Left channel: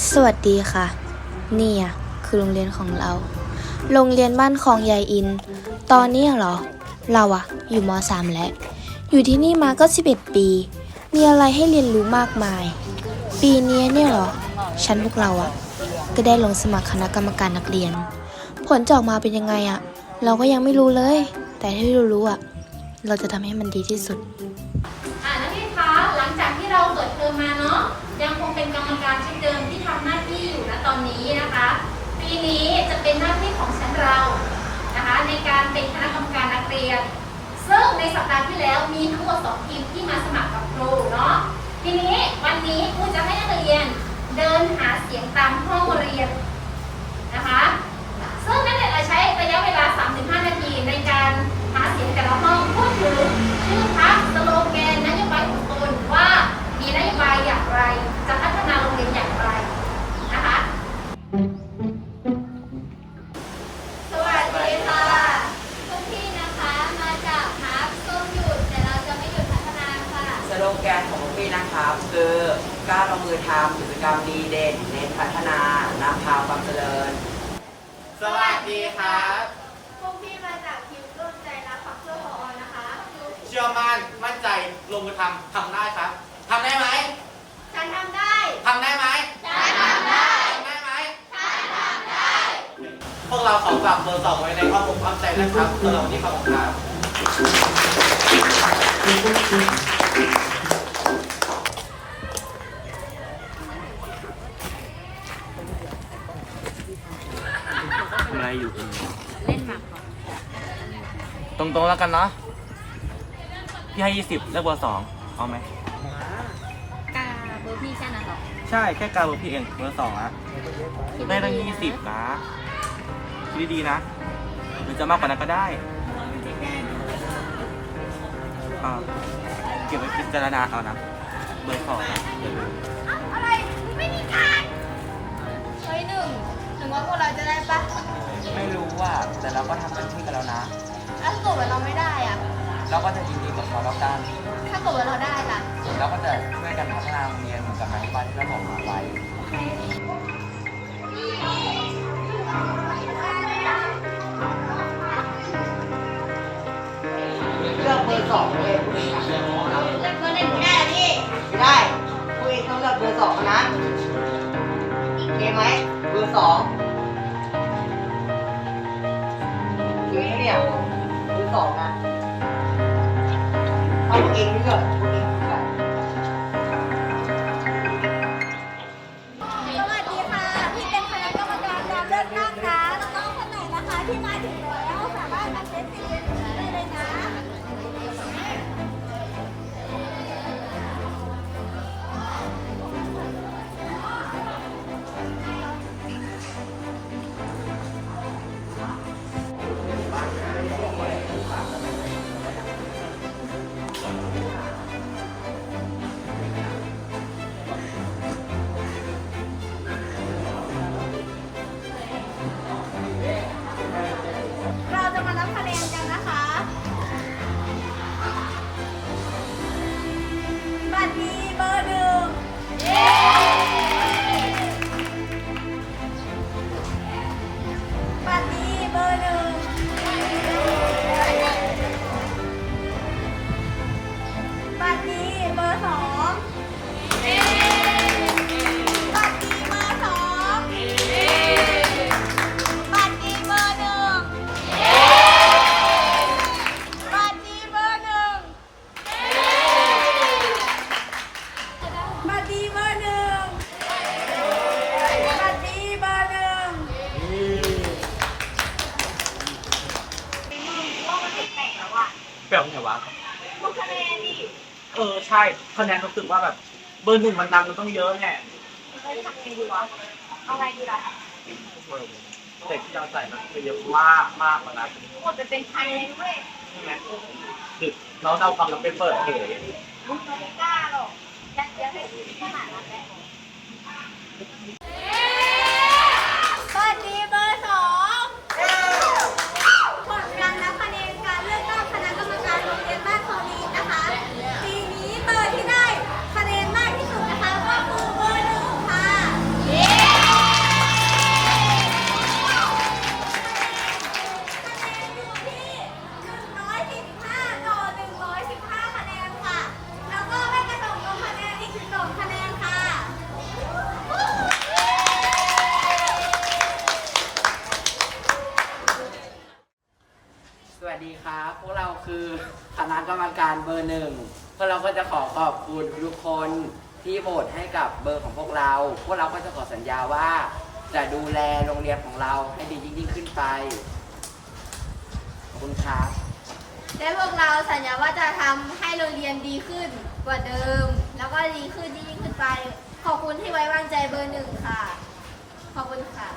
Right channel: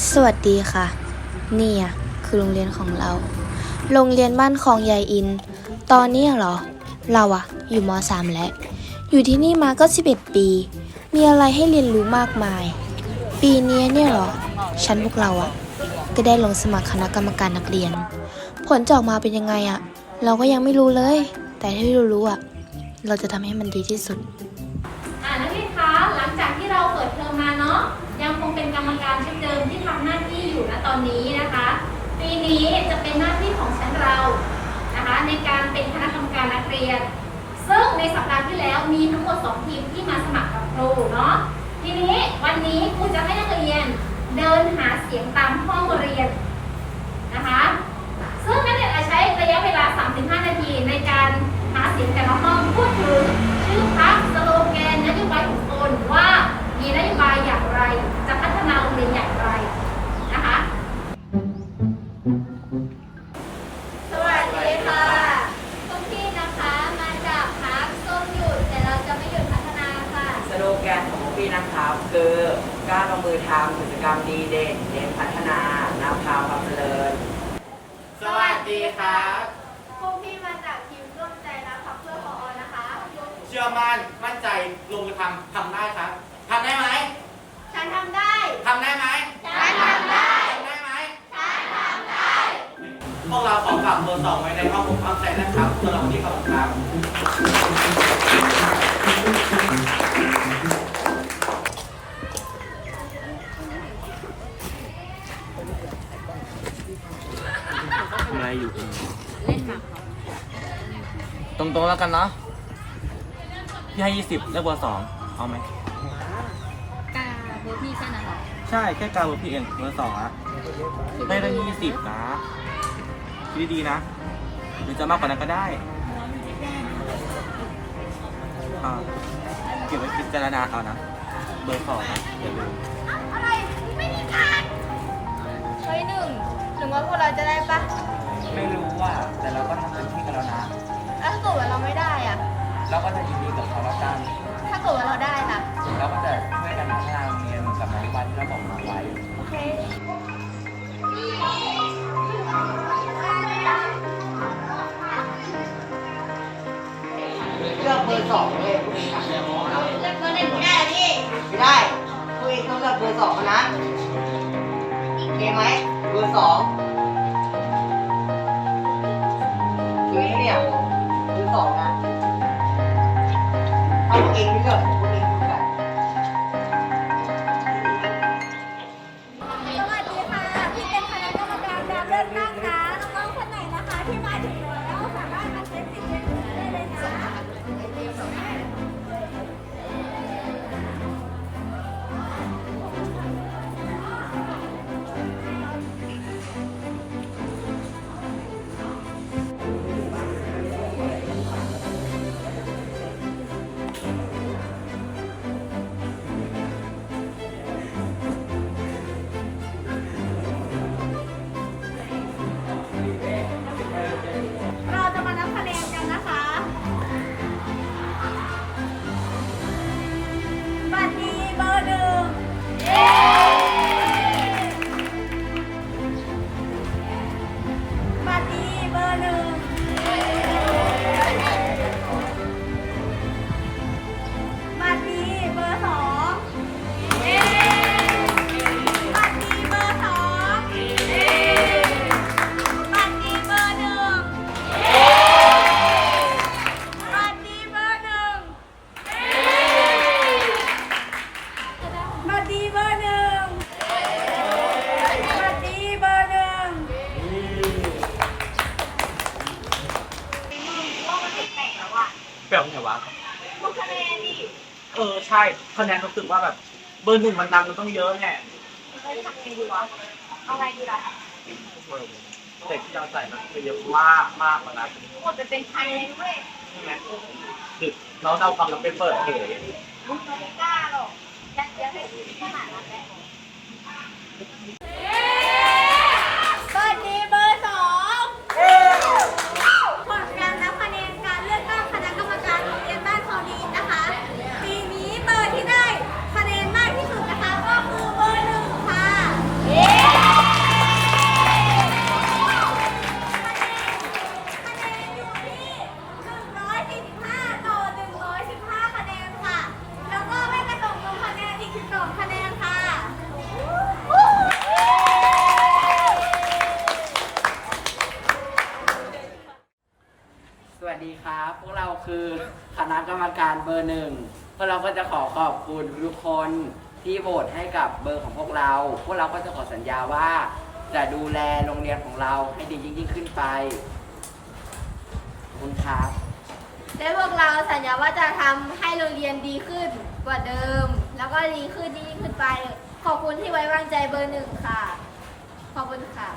สวัสดีค่ะ เนี่อะคือโรงเรียนของเรา โรงเรียนบ้านคลองยายอิน ตอนนี้เหรอ เราอะอยู่ม .3 แล้ว อยู่ที่นี่มาก็ 11 ปี มีอะไรให้เรียนรู้มากมาย ปีนี้เนี่ยเหรอ ชั้นพวกเราอะก็ได้ลงสมัครคณะกรรมการนักเรียน ผลจะออกมาเป็นยังไงอะเราก็ยังไม่รู้เลย แต่ที่เรารู้อะเราจะทำให้มันดีที่สุด ชุดเดิมที่ทำหน้าที่อยู่ณตอนนี้นะคะ ปีนี้จะเป็นหน้าที่ของชั้นเรานะคะในการเป็นคณะกรรมการนักเรียน ซึ่งในสัปดาห์ที่แล้วมีทั้งหมด2ทีมที่มาสมัครกับครูเนาะทีนี้วันนี้ครูจะให้นักเรียนเดินหาเสียงตามห้องเรียนนะคะซึ่งนักเรียนอาจใช้ระยะเวลา 3-5 นาทีในการหาเสียงแต่ละห้องพูดถึงชื่อพรรคสโล กล้าลงมือทำกิจกรรมดีเด่นเน้นพัฒนานำพาความเจริญ สวัสดีครับ พวกพี่มาจากทีมร่วมใจรักพักเพื่อพอนะคะ เชื่อมั่นมั่นใจลงมือทำทำได้ครับทำได้ไหมฉันทำได้ทำได้ไหมฉันทำได้ทำได้ไหมฉันทำได้พวกเราขอกลับเบอร์สองไว้ในข้อมูลความใจนะครับสำหรับวันนี้ขอบคุณ ครับทำอะไรอยู่เล่นหมากตรงๆแล้วกันเนาะพี่ให้ยี่สิบเลือกเบอร์สองเอาไหมกาเบอร์พี่แค่นั้นหรอใช่แค่กาเบอร์พี่เองเบอร์สองอะได้ตั้งยี่สิบนะคิดดีๆนะหรือจะมากกว่านั้นก็ได้อ่าเก็บไว้พิจารณาเอานะเบอร์สองนะอย่าลืมอะไรไม่มีการเฮ้ยหนึ่งถึงว่าพวกเราจะได้ปะ ไม่รู้ว่า แต่เราก็ทำเต็มที่กันแล้วนะ แล้วถ้าเกิดว่าเราไม่ได้อะเราก็จะยินดีกับเขาแล้วกัน ถ้าเกิดว่าเราได้ล่ะ เราก็จะช่วยกันพัฒนาโรงเรียนเหมือนกับนโยบายที่เราบอกมาไว้ โอเค เลือกเบอร์สองเลยผู้เองอะเลือกเบอร์หนึ่งไม่ได้อะพี่ ไม่ได้ผู้เองต้องเลือกเบอร์สองนะโอเคไหมเบอร์สอง ถ้าพ แบบไงวะเออใช่คะแนนรู้สึกว่าแบบ เบอร์หนึ่งมันนำมันต้องเยอะไงอะไรดีล่ะเด็กที่เราใส่มันเยอะมากมากกว่านั้นหมดไปเป็นพันเลยเว้ยใช่ไหมคือเราเอาความลับไปเปิดเผยมึงไม่กล้าหรอกยัดเยียดให้ขนาดนั้นแหละ วัสดีครับ พวกเราคือคณะกรรมการเบอร์หนึ่งพวกเราก็จะขอขอบคุณทุกคนที่โหวตให้กับเบอร์ของพวกเรา พวกเราก็จะขอสัญญาว่า จะดูแลโรงเรียนของเราให้ดียิ่งๆขึ้นไป ขอบคุณครับ และพวกเราสัญญาว่าจะทำให้โรงเรียนดีขึ้นกว่าเดิม แล้วก็ดีขึ้นยิ่งขึ้นไป ขอบคุณที่ไว้วางใจเบอร์หนึ่งค่ะ ขอบคุณค่ะ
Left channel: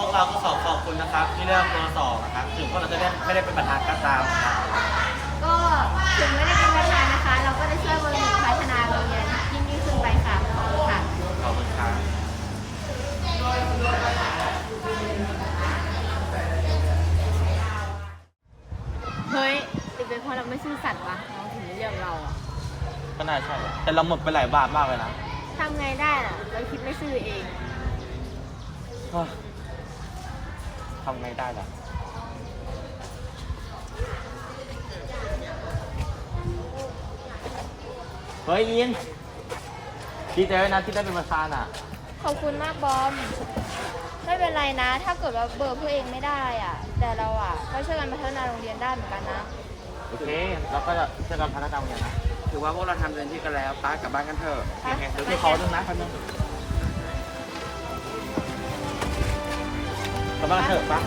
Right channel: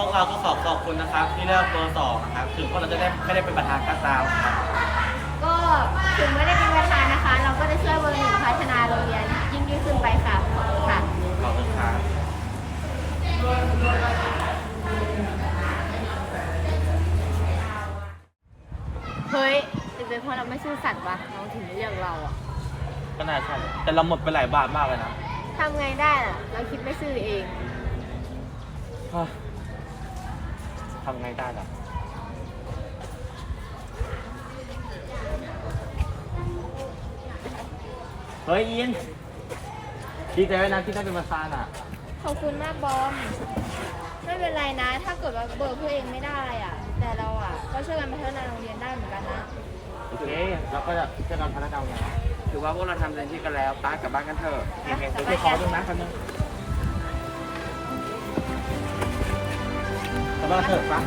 วกเราก็ขอขอบคุณนะครับ ที่เลือกเบอร์สองนะครับถึงพวกเราจะได้ไม่ได้เป็นประธานก็ตามครับก็ถึงไม่ได้เป็นประธานนะคะ เราก็จะช่วยเบอร์หนึ่งพัฒนาโรงเรียนยิ่งยิ่งขึ้นไปค่ะขอบคุณค่ะขอบคุณครับเฮ้ยหรือเป็นเพราะเราไม่ซื่อสัตย์วะน้องถึงไม่เลือกเราอะก็น่าใช่แหละแต่เราหมดไปหลายบาทมากเลยนะทำไงได้ล่ะ เราคิดไม่ซื่อเองเฮ้ย ทำไงได้ล่ะเฮ้ยอินดีใจด้วยนะที่ได้เป็นประธานอะ ขอบคุณมากบอม ไม่เป็นไรนะ ถ้าเกิดว่าเบอร์ผู้เองไม่ได้อะ แต่เราอะก็ช่วยกันพัฒนาโรงเรียนได้เหมือนกันนะ โอเค เราก็จะช่วยกันพัฒนาโรงเรียนนะถือว่าพวกเราทำเต็มที่กันแล้วป้ากลับบ้านกันเถอะไปเดี๋ยวพี่ขอดูนะคนนึง ขอบ้